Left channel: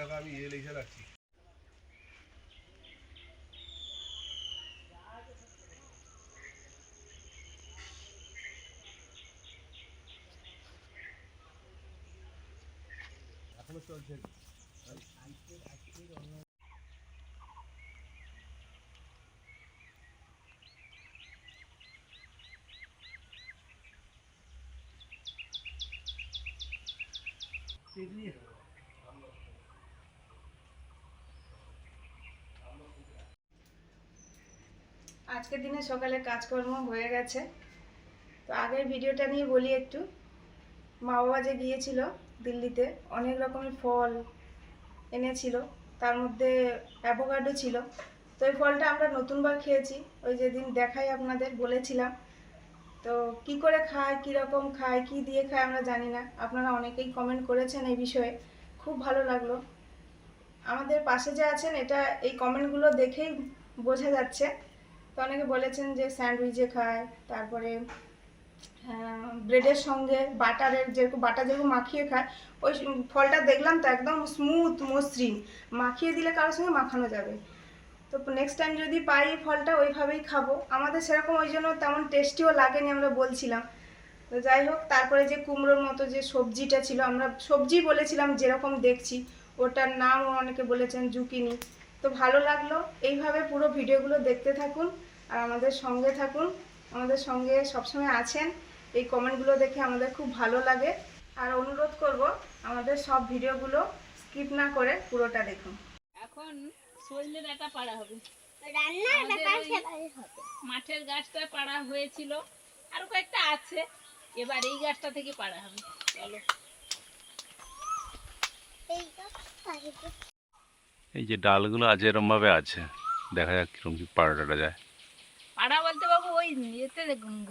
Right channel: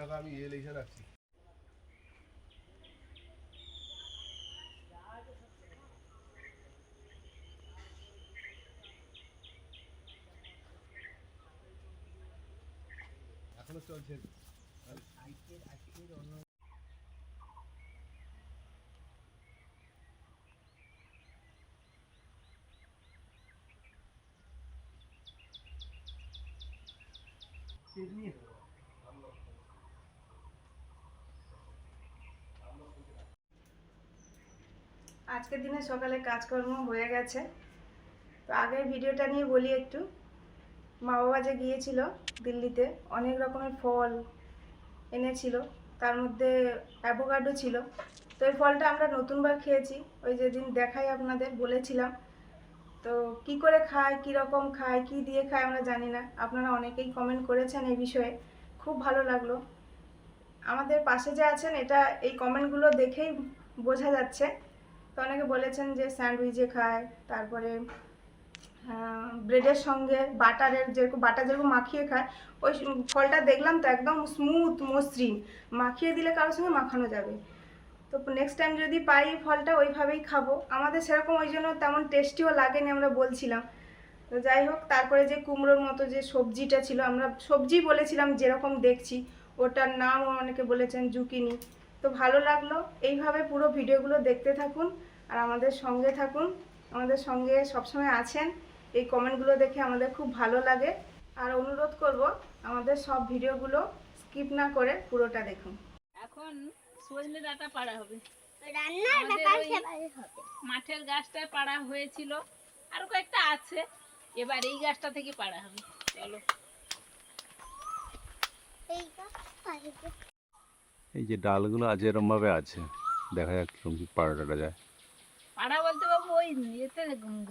দেখো আমি লিখে রাখছি। এখনো চলছে। আজকের দিনে সকালে কাজকর্ম হয়ে গেছে। তো আগের ভিডিওটা নিয়ে বলি একটু। মা বাবা যে গিয়েছিল দিল্লিতে, অনেক রকমের ফল এনেছিল, তার মধ্যে অ্যাভোকাডো ছিল। তো এই ফলটা আমরা নতুনবার খেয়েছি, ওই যেদিন দেখাই আপনাদের বলেছিলাম। তো কি করে খায়, কীরকম খায়, কি দিয়ে খায় আমরা জানি না। আপনারা অনেকেই কমেন্ট করেছেন এই বিষয়ে, খুব ভালো লাগলো। আমাদের পাশে যে আছেন, এটা এই কমেন্টগুলো দেখেই বোঝা যাচ্ছে। তো অনেকে বলেছেন যে স্যান্ডউইচে খায়, তারপরে ব্রেডের সঙ্গে বাটার যেরকম মাখিয়ে খায়। ওই ফলটা দেখলাম তো একদম স্মুথ মসৃণ, মাখিয়ে দিলে কারোর সঙ্গে মাখানো যাবে। তো নেক্সট টাইম যদি পাই ফলটা ওইভাবেই খাবো। আমাদের সেরকম ওই জন্য তেমন টেস্টিও লাগেনি, আমরা বলছিলাম। তো যাই হোক, তারপরে যে কুমড়োর মতো যে সবজিটা ছিল, আমরা সবজি বলেছিলাম যেরকম দেখছি, ওটার নামও অনেকে বলেছেন জুকিনি। তো ভালো লাগলো। এইভাবে পুরো ভিডিওগুলো দেখতে থাকুন আর আমাদের সঙ্গে থাকুন। আমাদের সঙ্গে সবসময় আছেন, এই কমেন্টগুলো দেখে আমাদের খুব ভালো লাগে। আর অনুরোধ করব, আমাদের সব ভিডিওগুলো স্কিপ না করে পুরোটা দেখুন। এখন সজনে ডাঁটা পাড়া হবে, মাঠের গাছটা পাড়া হয়েছিল, আরো কয়েকটা আছে, এবার এই গাছটা থেকে পাড়া হবে। চলো। এই যে ডালগুলো আছে এরকম ভাবে আছে, দেখা যাক কিরকম কি পাড়াটা যায়। পাড়া বলতে বাবু ওই এতে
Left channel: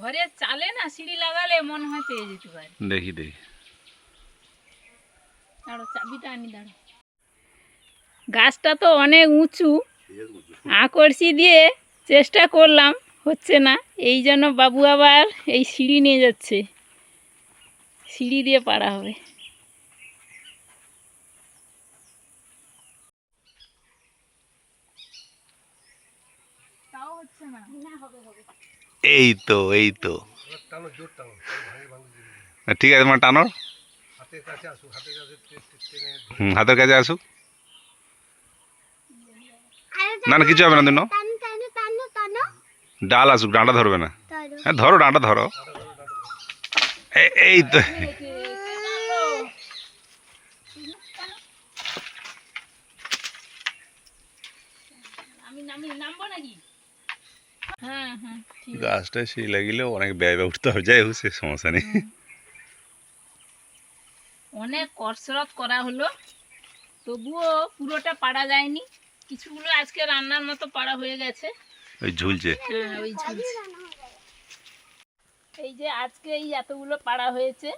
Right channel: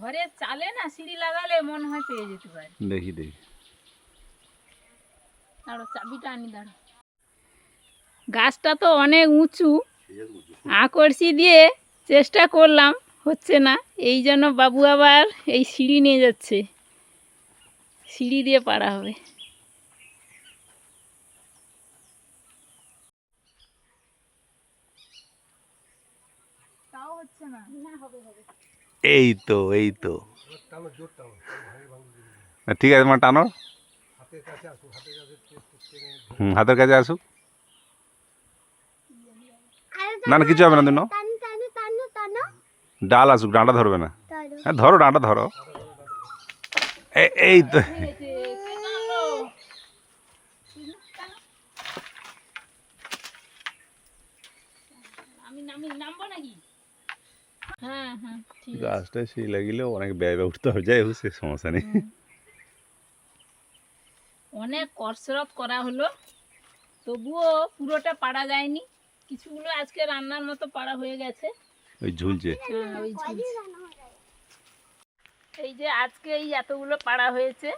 ঘরে চালে না সিঁড়ি লাগালে মনে হয় পেয়ে যেতে পারে। দেখি দেখি। দাঁড়ো, চাবিটা আনি, দাঁড়ো। গাছটা তো অনেক উঁচু, আকর্ষি দিয়ে চেষ্টা করলাম, হচ্ছে না। এই জন্য বাবু আবার এই সিঁড়ি নিয়ে যাচ্ছে, সিঁড়ি দিয়ে পাড়া হবে। তাও হচ্ছে না, না হবে হবে। এই তো ঠিক আছে, মানে টানো, হাতের কাছে আসুক, হাতের কাছে আসুক। না না, কিছু হবে না, দিন ডাল আসুক, ডাঁটা ধরবে না। হ্যাঁ ধরো, ডাঁটা ধরো। এই তো। গাছটা সেই লাগিলেও অনেক ব্যয় উঠতে হবে, যাই হোক সে সমস্যা নেই। অনেক কসরত করা হলো, তবুও পুরোটা পাড়া যায়নি। কিছুগুলো আজকে রান্নার মতো পাড়া হয়ে গেছে, ওই ঝুলছে। হ্যাঁ ওই ঝুলছে। এই যে আজকে এই এতগুলো পাড়া হয়েছে,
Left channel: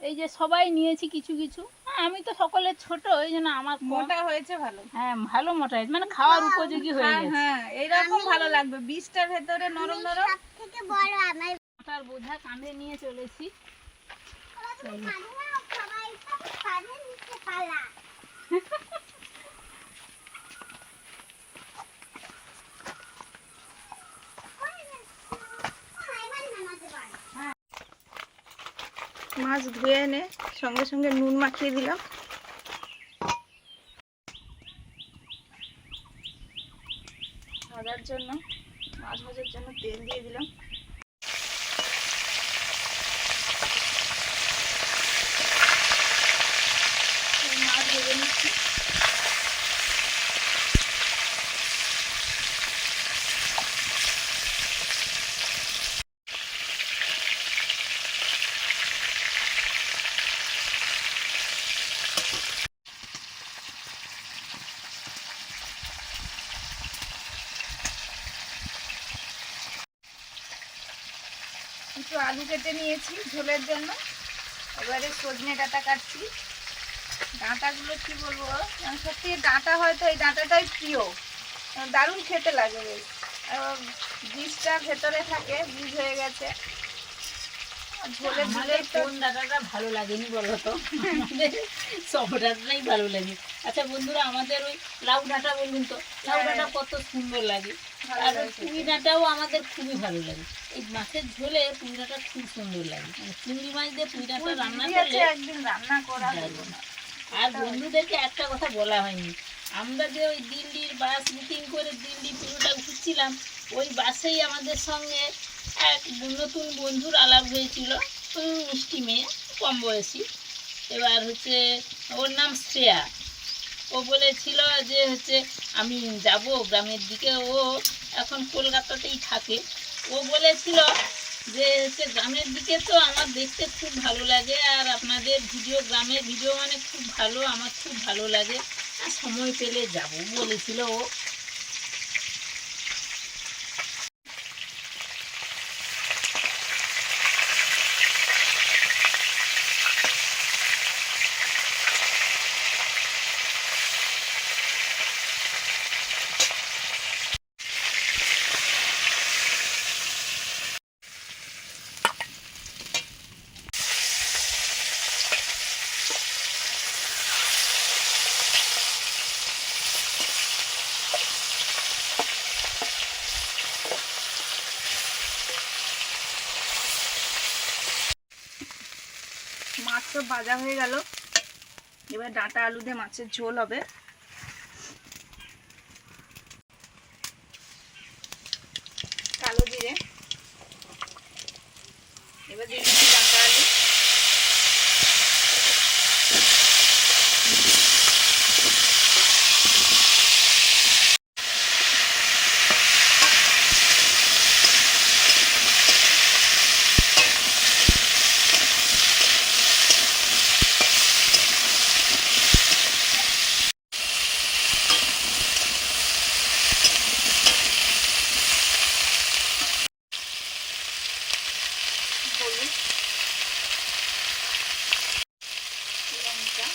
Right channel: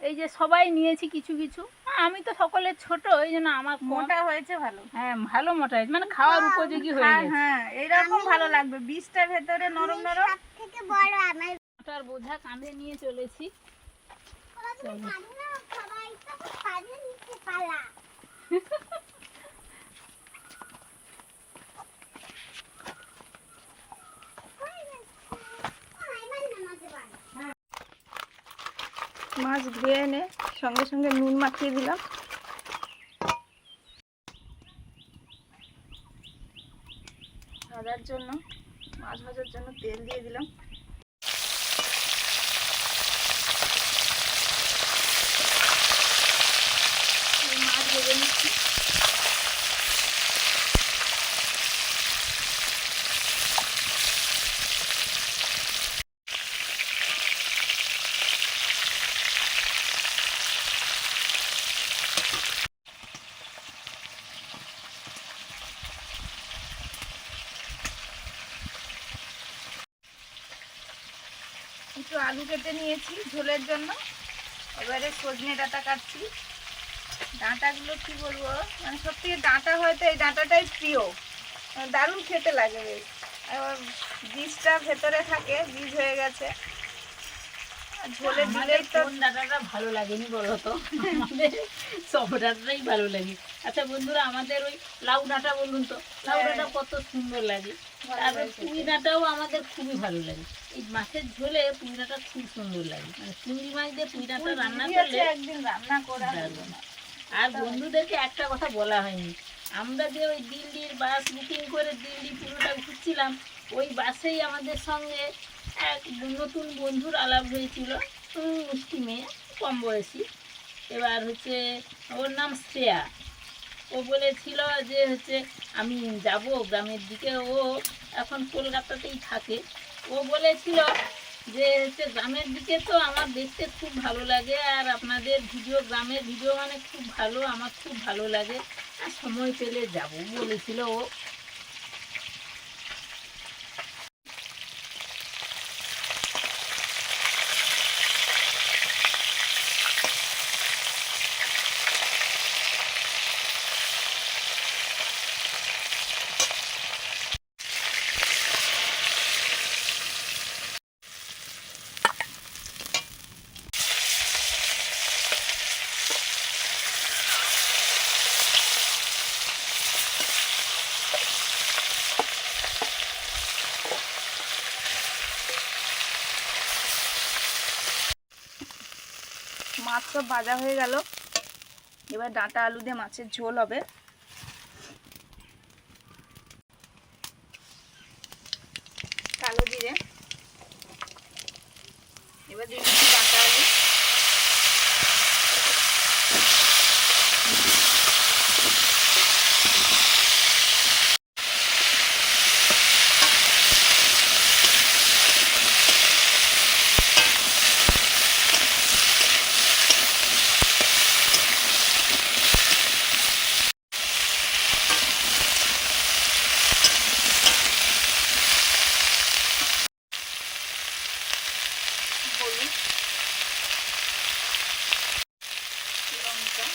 এই যে সবাই নিয়েছি কিছু কিছু। আমি তো সকলের ছোট, এই জন্য আমার মোটা হয়েছে ভালো। হ্যাঁ ভালো মোটা হয়েছে, মানে খাওয়ার উপযোগী হয়ে গেছে। হ্যাঁ এইরকম ভালো লাগবে, বীজটার ভেতরে নরম নরম। থেকে বড় আমার মোটার বোঝা কাঁধে নিয়ে চলেছি। মাছ ধুয়ে এনে সঙ্গে সঙ্গে নুন মাখিয়ে দিলাম। ভাজার জন্য, মাছ ভাজার জন্য তেল দিয়ে দিলাম। মাছ ভেজে নিচ্ছি। একটু আলু কেটে নিয়েছি ঝোলের জন্য। এবারে সজনে ডাঁটা কাটছি। ডাঁটাগুলো কি বলবো, মানে সত্যি ডাঁটা হয়তো এই ডাঁটাটাই প্রিয়, দারুণ খেতে লাগে বেশ। বীজটা ভেতরে থাকে, বীজ হয়ে গেছে। ঝোলে আমাদের দিলেই তো কোন ডাঁটাটা ভালো লাগেনি বলো তো? আমাদের সব ডাঁটাটাই ভালো লাগে। আচ্ছা বন্ধুরা, আমাদের ওই লাউ ডাঁটা বলুন তো, লাউ ডাঁটা কত সুন্দর লাগে। তারপর পুঁই ডাঁটাও আমাদের খুবই ভালো লাগে। এই মাছের ঝোলে পুঁই ডাঁটা খুব সুন্দর লাগে, মানে চিংড়ি মাছ দিয়ে পুঁই ডাঁটা রান্না করলে একদিন রান্না করা দারুণ হয়। আর বন্ধুদেরকে একটা কথা বলা হয়নি, আমরা যে ওই দিল্লির বাস বুকিং করে দিল্লি পুরোটা ঘুরছিলাম, ওই বাসেই আমাদের সঙ্গে এক নতুন বন্ধুর আলাপ হয়েছিল। মিষ্টি মেয়ে, কম বয়সী। এবার হচ্ছে ওর নাম শ্রেয়া। ও বলেছিল যে হচ্ছে আমি যাব গ্রামের দিকে, ও এখন কলকাতাতেই থাকে। ও বলেছিল যে হচ্ছে গ্রামের দিকে তো আমার দেখতে খুব ভালো লাগে, আর আপনাদের ভিডিও, গ্রামের ভিডিও মানে খুব ভালো, আমার খুব ভালো লাগে, আর সময় পেলে যাব বলেছিল ও। মাছ সব ভাজা হয়ে গেল, এবার ডাঁটা আলু দিয়ে মাছের ঝোল হবে। কালো জিরে, এবার দিয়ে দিচ্ছি ডাঁটা আলু, হলুদ, লঙ্কা,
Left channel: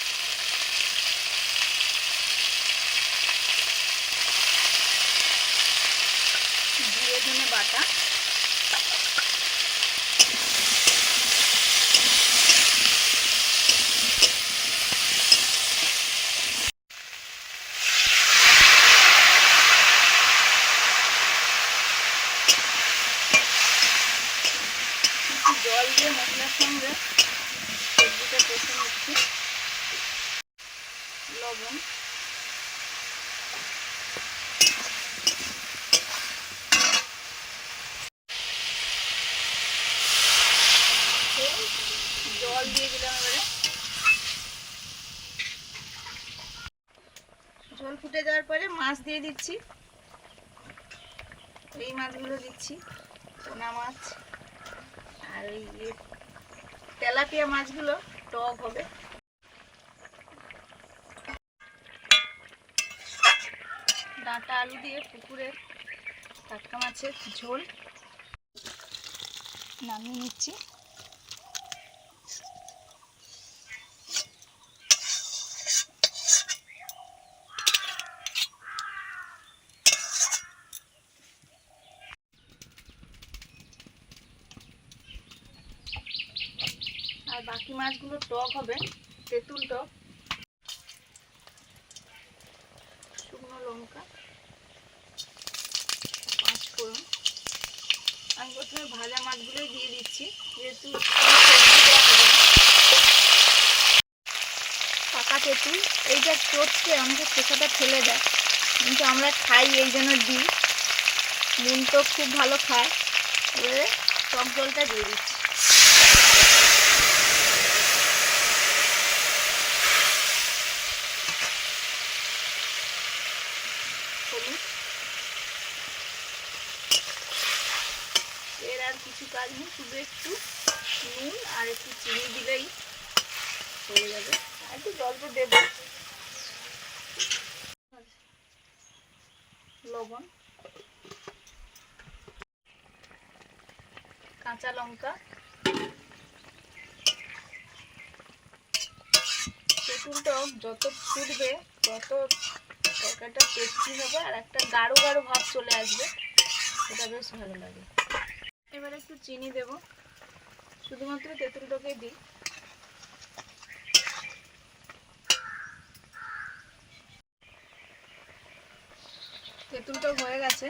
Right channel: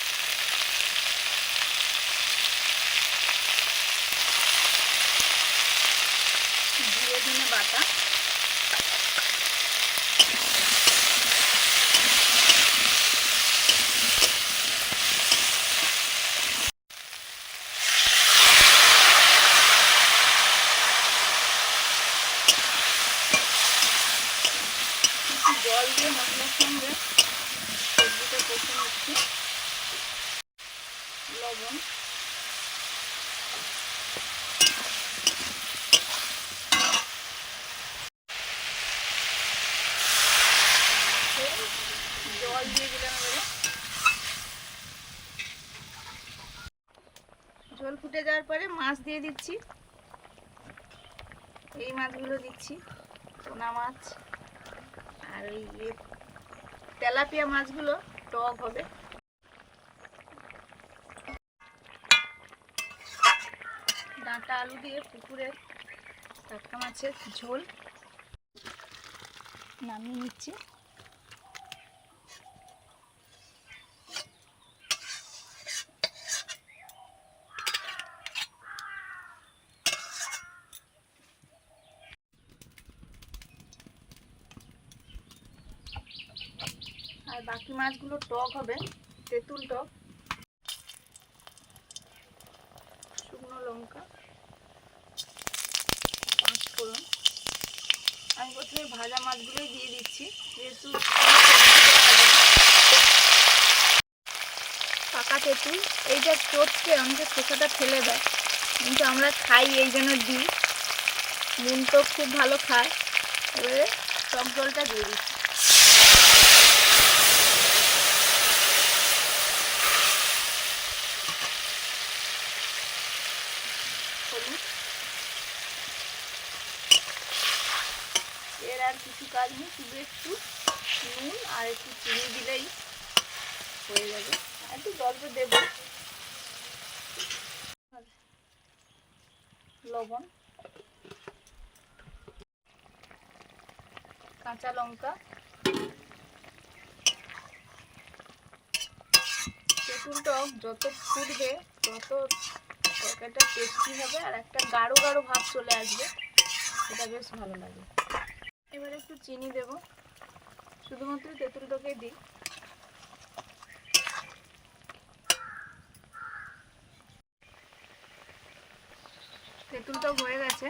জিরে ধনে বাটা, জল দিয়ে মশলার সঙ্গে সবজিটা কষে নিচ্ছি। লবণ, জল দিয়ে দিলাম। এবারে ঝোল ফুটে যাওয়ার পরে মাছ দিয়ে দিচ্ছি। এই মাছগুলো দিচ্ছি, পোনা মাছ, আর ওই যে তেলাপিয়া মাছগুলো টক হবে। ডাঁটা আলু দিয়ে পুকুরের টাটকা মাছের ঝোল নামিয়ে নিচ্ছি। আর বাকি মাছগুলো টক হবে, তেঁতুল টক। শুকনো লঙ্কা, পাঁচ ফোড়ন। আমি প্রথমে ভাজা মাছগুলোই দিয়ে দিচ্ছি, যেহেতু পাকা তেঁতুল। এইটা চটকে অনেকে খোসাটা ফেলে দেয়, কিন্তু আমরা খাই এই জন্য দিই। নুন তো খুব ভালো খায়। এবারে টক জলটা দিয়ে দিচ্ছি। হলুদ, এর আর কিছু কাজ নেই, শুধু একটু নুন আর একটু চিনি দিলেই হয়ে যাবে। আর একটু জল তো দেবো। লবণ, কাঁচা লঙ্কা, তেঁতুল টক যত ফুটবে তত তরকারিটা টেস্টি হবে, আর একটা গাঢ় গাঢ় ভাব চলে আসবে, এটা বেশ ভালো লাগে। এবার একটু চিনি দেব, শুধুমাত্র তেঁতুলটাকে দিই। তেঁতুলটা হয়ে গেছে।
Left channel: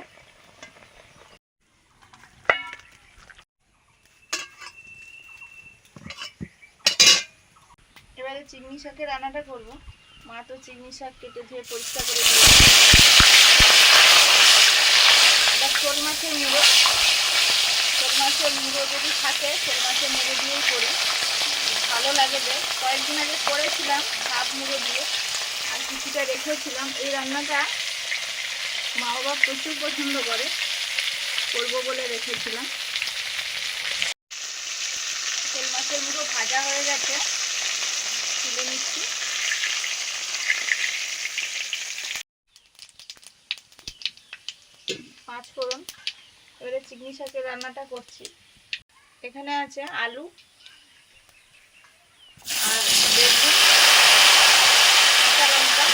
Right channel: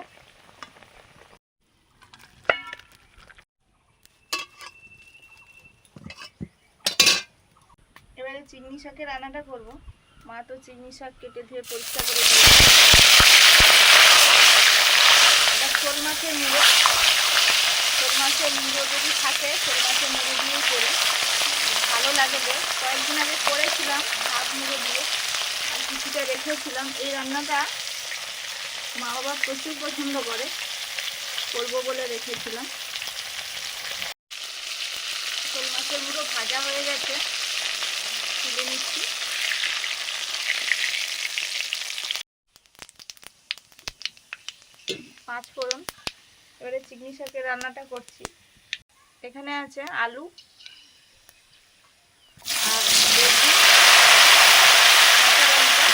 এবারে চিংড়ি শাকের রান্নাটা করব। মা তো চিংড়ি শাক কেটে ধুয়ে পরিষ্কার করে দিয়েছে। এবার শোল মাছের মুড়ো, শোল মাছের মুড়ো যদি থাকে শোল মাছের মুড়ো দিয়েই করি, ভালো লাগে বেশ। কয়েকদিন আগে করেছিলাম হাফ মুড়ো দিয়ে, আর কিছুটা রেখেছিলাম। এই রান্নাটা মা বাবা প্রচুর পছন্দ করে, করবো বলে রেখেছিলাম। শোল মাছের মুড়ো ভাজা হয়ে গেছে, তুলে নিচ্ছি। পাঁচ ফোড়ন। এবারে চিংড়ি শাকের রান্নাটা করছি। এখানে আছে আলু আর বেগুন, কাঁচা লঙ্কা,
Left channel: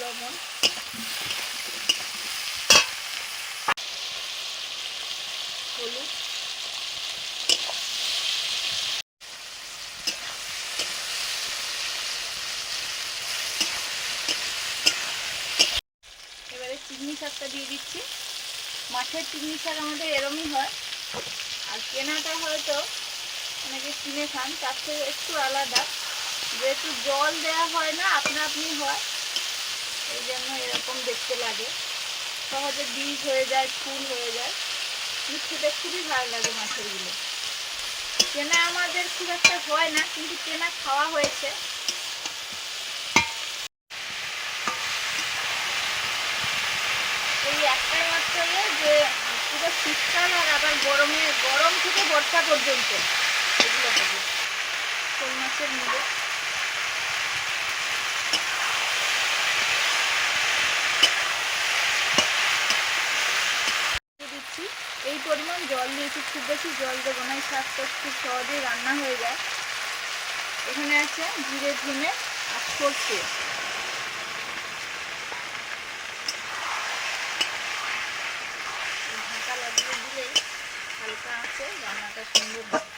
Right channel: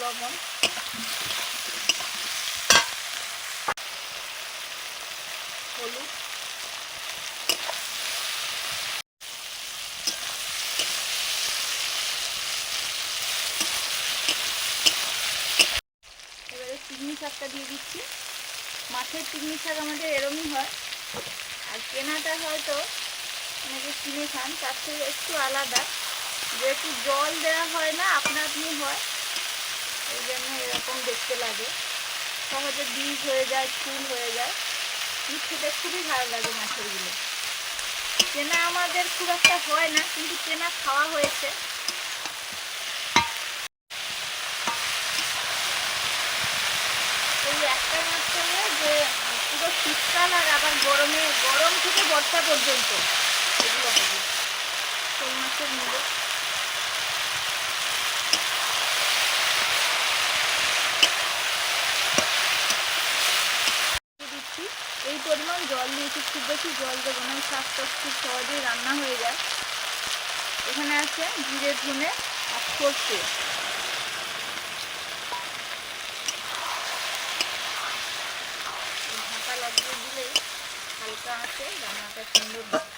লবণ, হলুদ, এবারে চিংড়ি শাকটা দিয়ে দিচ্ছি। মাছের চিংড়ি শাক আমাদের এরমই হয়, আর কেনাটা হয়তো অনেকে কিনে খান, তার থেকে একটু আলাদা। যেহেতু জল দেওয়া হয় না, আপনা আপনি হয়, এই জন্য এরকম দেখতে লাগে। সহজে বীজ হয়ে যায়, ফুল হয়ে যায়, কিন্তু খেতে খুবই ভালো লাগে মাছেরগুলো। কেনা আমাদের খুব একটা হয় না, কিন্তু কেনা খাওয়া হয়েছে। এই একটাই মাত্র যে পুরো শীতকাল আর আবার গরম থেকে বর্ষা পর্যন্ত এগুলো হবে শোল মাছের মুড়ো। দিচ্ছি এই পরিমাণ জল দিয়েছি, খুব বেশি জল দেবো না, এই শাকটা খুব সহজেই রান্না হয়ে যায়। এখানে আছে জিরে, ধনে আর সর্ষে। ঢাকা লাগিয়ে দিলেই হালকা আছে রান্নাটা সুন্দর হয়।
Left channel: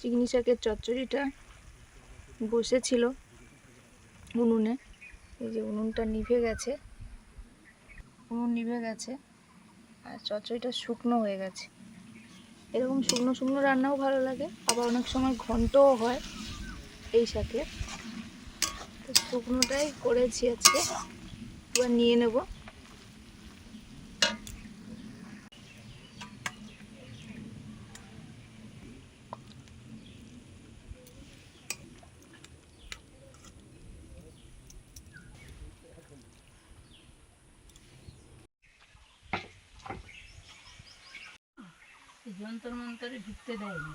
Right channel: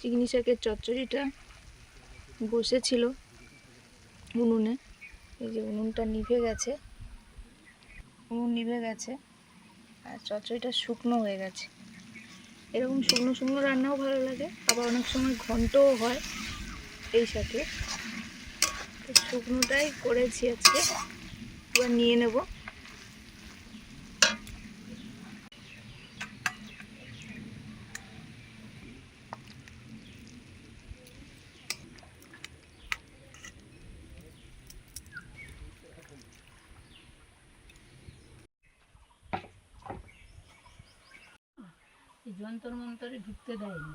চিংড়ি শাকের চচ্চড়িটা বসেছিল উনুনে, এই যে উনুনটা নিভে গেছে, উনুন নিভে গেছে, আর চচ্চড়িটা শুকনো হয়ে গেছে। এরকম শুকনো শুকনো রান্নাও ভালো লাগে, আবার অনেক সময় ঘন্টও হয় এই শাকে। শুকনোটাই করেছি আজকে, এবার নিয়ে নেব। যন্তর মন্তরে ঢুকতে দেয়নি,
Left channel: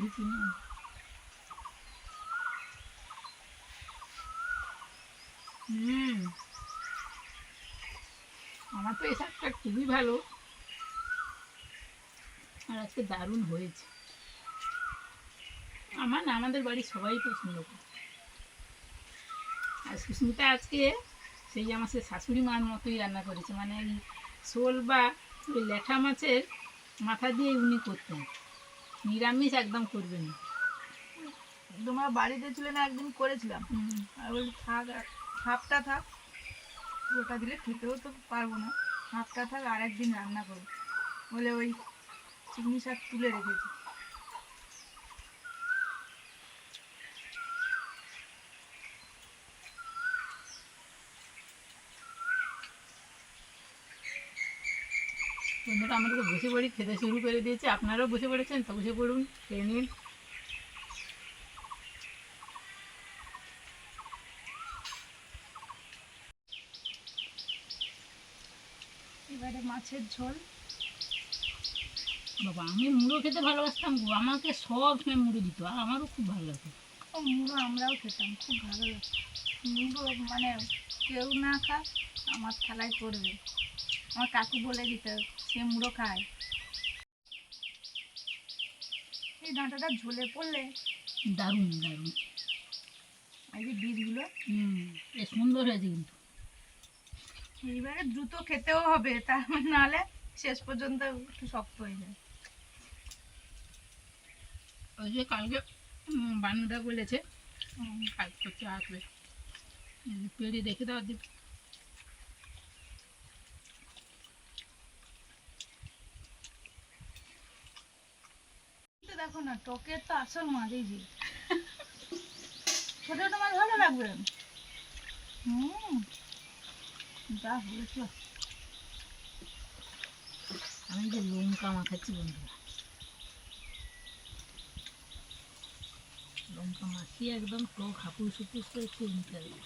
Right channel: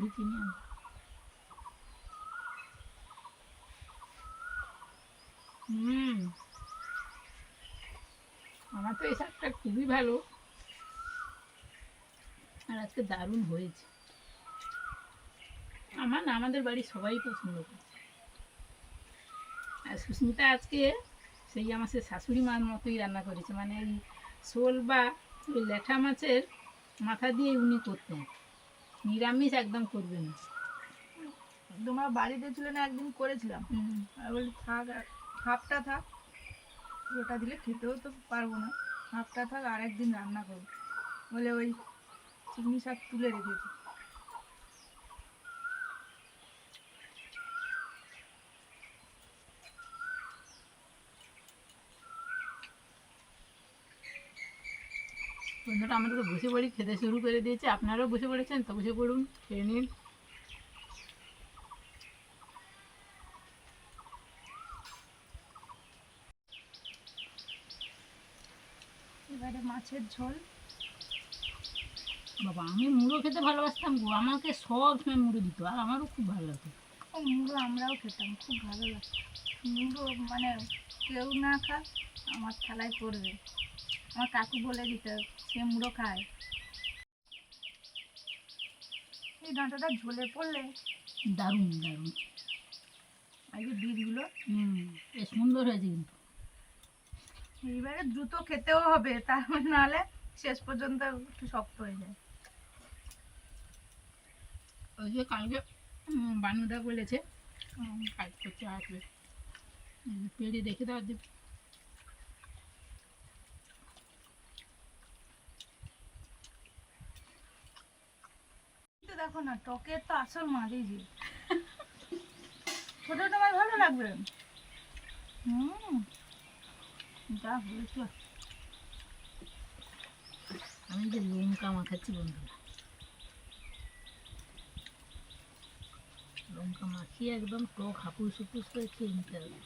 ঢুকিনি। আমার তো এই শাকটা খুবই ভালো, আর আজকে দারুণ হয়েছে। আমার না, আমাদের বাড়ির সবাই পছন্দ করে। আর সুস্মিতা আজকে সেই আমার সে শাশুড়ি মার মতোই রান্না করেছে, মানে এই শোল বা ওই ল্যাঠা মাছের মাথা দিয়ে উনি করতেন, নিরামিষ একদম করবেন না। তোমার বাড়িতে ছিল না, একদিন করেছিলাম, আর ওই থাক, হাফটা থাক, ওটা দিলে খেতেও তো পারবো না, হাফটা থাক, আর একদিন রান্না করবো বলে ওই চিংড়ি শাক তুলে রেখেছি। বন্ধুরা, আমরা তো বসে পড়ি, খেতে শুরু করে দিয়েছে। আপনারাও বসে পড়েছেন তো বসে পড়ুন, খেয়ে নিন। এবারে মাছের ঝোল। বাবা আমি মুড়ো খেতে ভালোবাসতাম গো, আমাকে সব সময় মুড়ো দিত আর আমারও খুব ভালো লাগতো। ও মুড়ো আমরাও খেতাম, খুব ভালো লাগতো মুড়ো। মানে কেউ না খা আমার থালায় পড়বে। আমার কাকু বলে দিত সে মুড়ো খায়। এই ডাঁটাটা ঝোলে পড়লে দারুণ দারুণ। এই যে বীজগুলো বেশ সুন্দর হয়েছে কিন্তু। এইবারে দ্রুত খেতেও হবে, তার নাহলে শেষ পর্যন্ত একটু শক্ত হয়ে যায়। ওই যে কালকে বান্নাটা বলেছে কাজ করতে আসবে, পেড়ে দেখে দাও দিব। দেখো না টকের তো আসল মাঝেই যে ছোট ছোট মাছ ভালো লাগবে। যা হয়েছে। আমি যে লঙ্কা মাখাচ্ছি বন্ধুরা, লঙ্কা মাখিয়ে একদম টক হাপুস হুপুস করে খেয়ে নিতে হবে।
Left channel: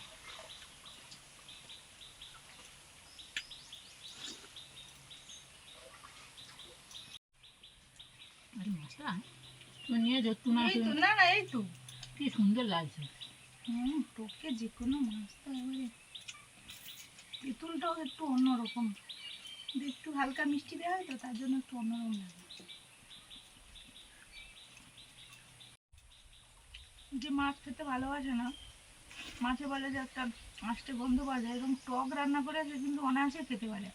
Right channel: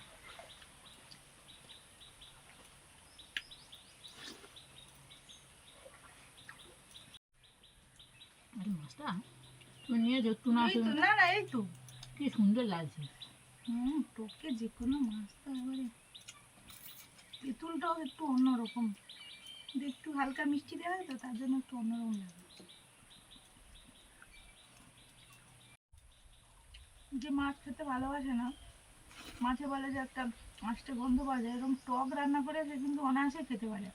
আরে মাছটা তুমি নিয়ে যাও একটু না, এই তো না না এই তো কি সুন্দর লাগছে। টকে যে কোনো মাছ তো এবারে তেঁতুলটাও একটু অন্যরকম, একটু হালকা মিষ্টি দেওয়া হয় তো তার জন্য একটু অন্যরকম লাগে। যে মাছ খেতে ভালোবাসে না, মাছে বলে যে একটা আষ্টে গন্ধ পাওয়া যায়, এরকম টক রান্না করে সে কিন্তু অনায়াসে খেতে পারে।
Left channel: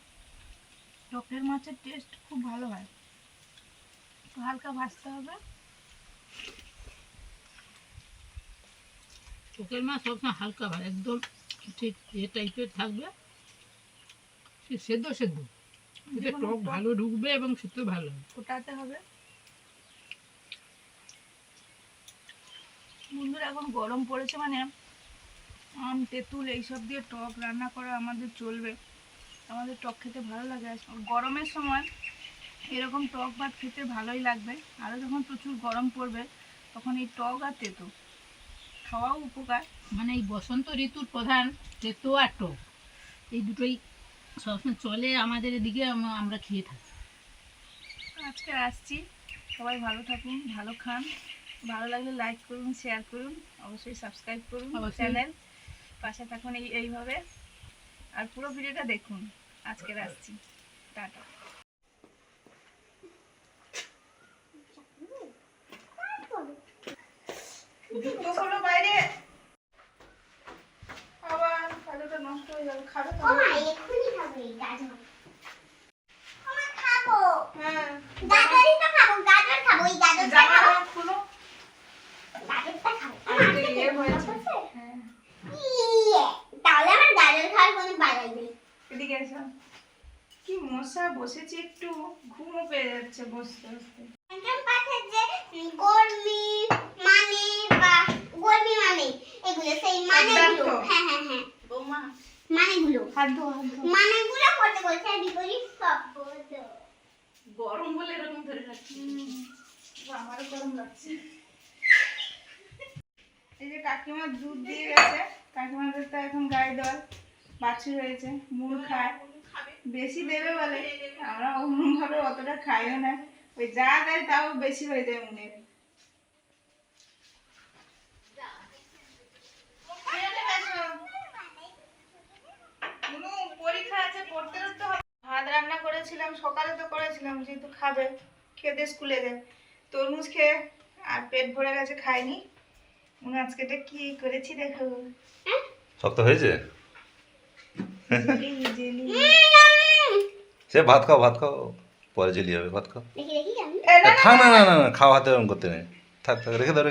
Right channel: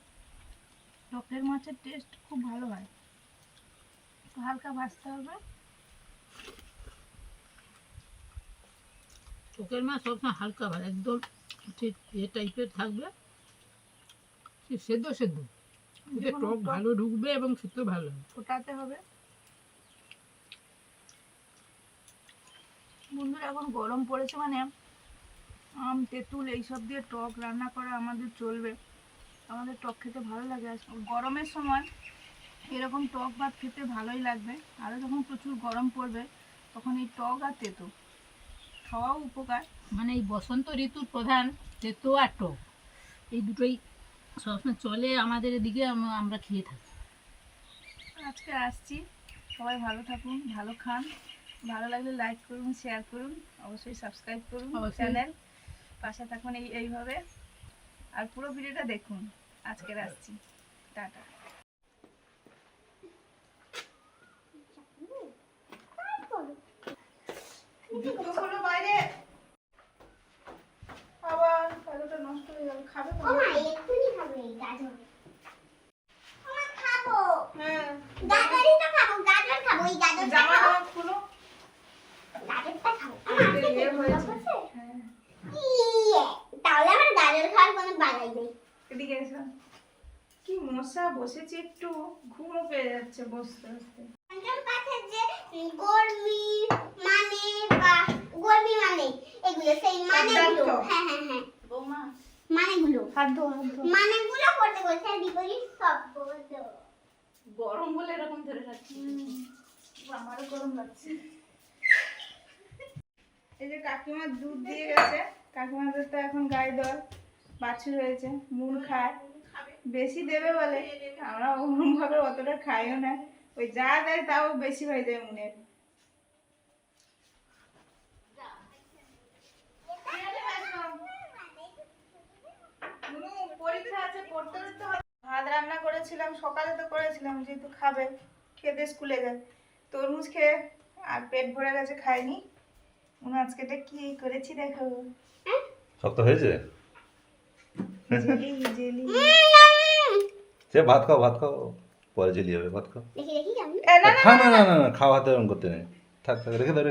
টকের মাছের টেস্ট খুব ভালো হয়। একটু হালকা ভাজতে হবে। টকের মাছ সবসময় হালকা ভালো, একদম ঠিক এ টাইপের থাকবে, সেদ্ধ সেদ্ধ, এতে টক ভালো ঢুকবে এবং খেতে ভালো হবে। ফোটাতে হবে। বন্ধুরা এখন গরম পড়েছে মানে আম তেঁতুল এইসব দিয়ে টক রান্না করা আমাদের চলবে। আমাদের টক খেতে ভালো লাগে। আর গরমের সময় এরকম টক ভাত খেতে ভালোই লাগবে। আরও যখন প্রচুর গরম পড়বে তখন এই টক আর তেঁতো খাওয়াও উপকার। মানে এই বসন্ত ঋতুর প্রধান তেতো আর টক, এই দুটোই সবসময় চলে আমাদের এদিকে, আমরা খেয়ে থাকি। আজকে আসছি, সবাই ভালো থাকুন, ভালো খান। ভালো লাগলে লাইক করুন, শেয়ার করুন, অবশ্যই সাবস্ক্রাইব করুন চ্যানেল, পাশে থাকুন এইভাবে। আর পুরো ভিডিওটা দেখুন। আজকে আসছি, টাটা। জুতোগুলো বাইরে আবার তাহলে নষ্ট হয়ে যাবে। খাবে তো? এক্ষুনি খাবো এই গাজর। আমার খাবো। হ্যাঁ গাজরই তো খাবো, গাজর খাবো, এই গাজরটা জামা খাবো। খুলো। গাজরটা খাবো। ইয়ে হয়েছে। হ্যাঁ ইয়ে, তাহলে আমার গাজর খাওয়ার কোনো বালাই নেই। এদিকে এসো। কি মশা বসেছে, একটু ঘুমও পেয়ে যাচ্ছে বসতে বসতে। পঞ্চম পাঠের যে গরমি মানে বা গরমি মানে এগুলো সেই মানেগুলো, হ্যাঁ হ্যাঁ হ্যাঁ বৌমা মানেগুলো, হাত ধো হাত ধো। মানেগুলো পড়তে বলছে আর বিপরীত শব্দ। গরম বলে এরকম ধরে রাখছি। আমারও গরম লাগছে। এই যে কাকিমা দুধ দিয়ে গেছে, কাকিমাদের তো এখন গায়ে দেওয়ার বাছুর হয়েছে, মুড় খায়, বেশি দেবে বলে। আমরা ওরকমভাবে অতটা খাইও না, ওই যা দেয় তাও বেশি হয়ে যায় মুনের। পরীক্ষা আছে, পড়তে পড়তে হবে। ভাত রান্না করেছিলাম, সকালে তো করেছিলাম, যেহেতু খাবে, খেতে স্কুলে যায়। তরমুজ খেয়ে আর পেট ভরে গেছে, খাইনি। আজকে কি করেছি দেখো। শক্ত হয়েছে? Jelly jelly. সে ভাত খাও, পরে জেলি হবে, ভাত খাও। দেখি দেখি আমি খা না না না না, খাওয়া হাতে এরকম করতে নেই। থাক থাক, রেখে দাও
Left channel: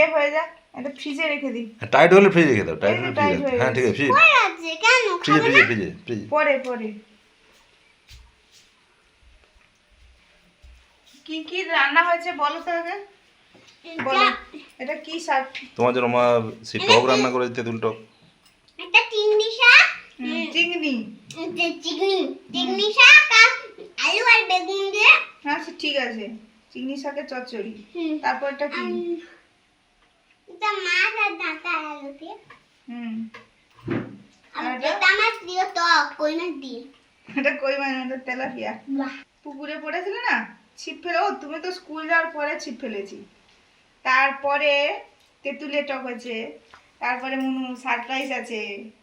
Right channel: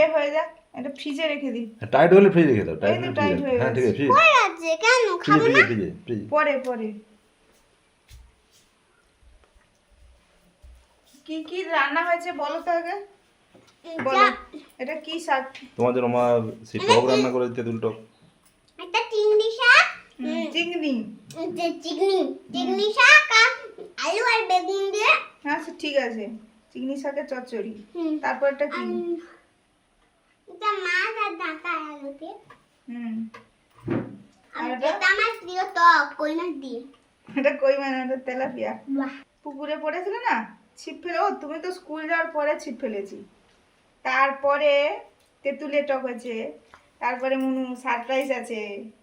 এ হয়ে যাক, এটা ফ্রিজে রেখে দিই। টাইট হলে ফ্রিজে রেখে দাও, টাইট হলে টাইট ফ্রিজে। হয়ে হ্যাঁ ঠিক আছে, ফ্রিজ কই আছে কেন খাবো না? ফ্রিজে। পরে পরে কি কি রান্না হয়েছে বলো তো আগে, বলো। এটা কি শাক? তোমার জন্য মা সেই টক রান্না করেছে, তেঁতুল টক। একটা চিংড়ি শাক, চিংড়ি। চিংড়ি শাক আর আলু আর বেগুন দিয়ে, হ্যাঁ সে ঠিক আছে, চিংড়ি শাকের চচ্চড়ি। হুম। তারপর এটা কি? এটা মাছ আর ডাঁটা আর আলু দিয়ে, হুম। আর আর এটা? এটা আমার প্রিয় টক কই মাছ দিয়ে। এটা কই মাছ, এটা তেলাপিয়া। বাহ পুকুরে পড়েছিল না, ছিপ ফেলে, ও তুমি তো স্কুল যাওয়ার পরে ছিপ ফেলেছি, তারপরে তেঁতুলের টক হয়েছে, তারপরে সারপ্রাইজ আছে,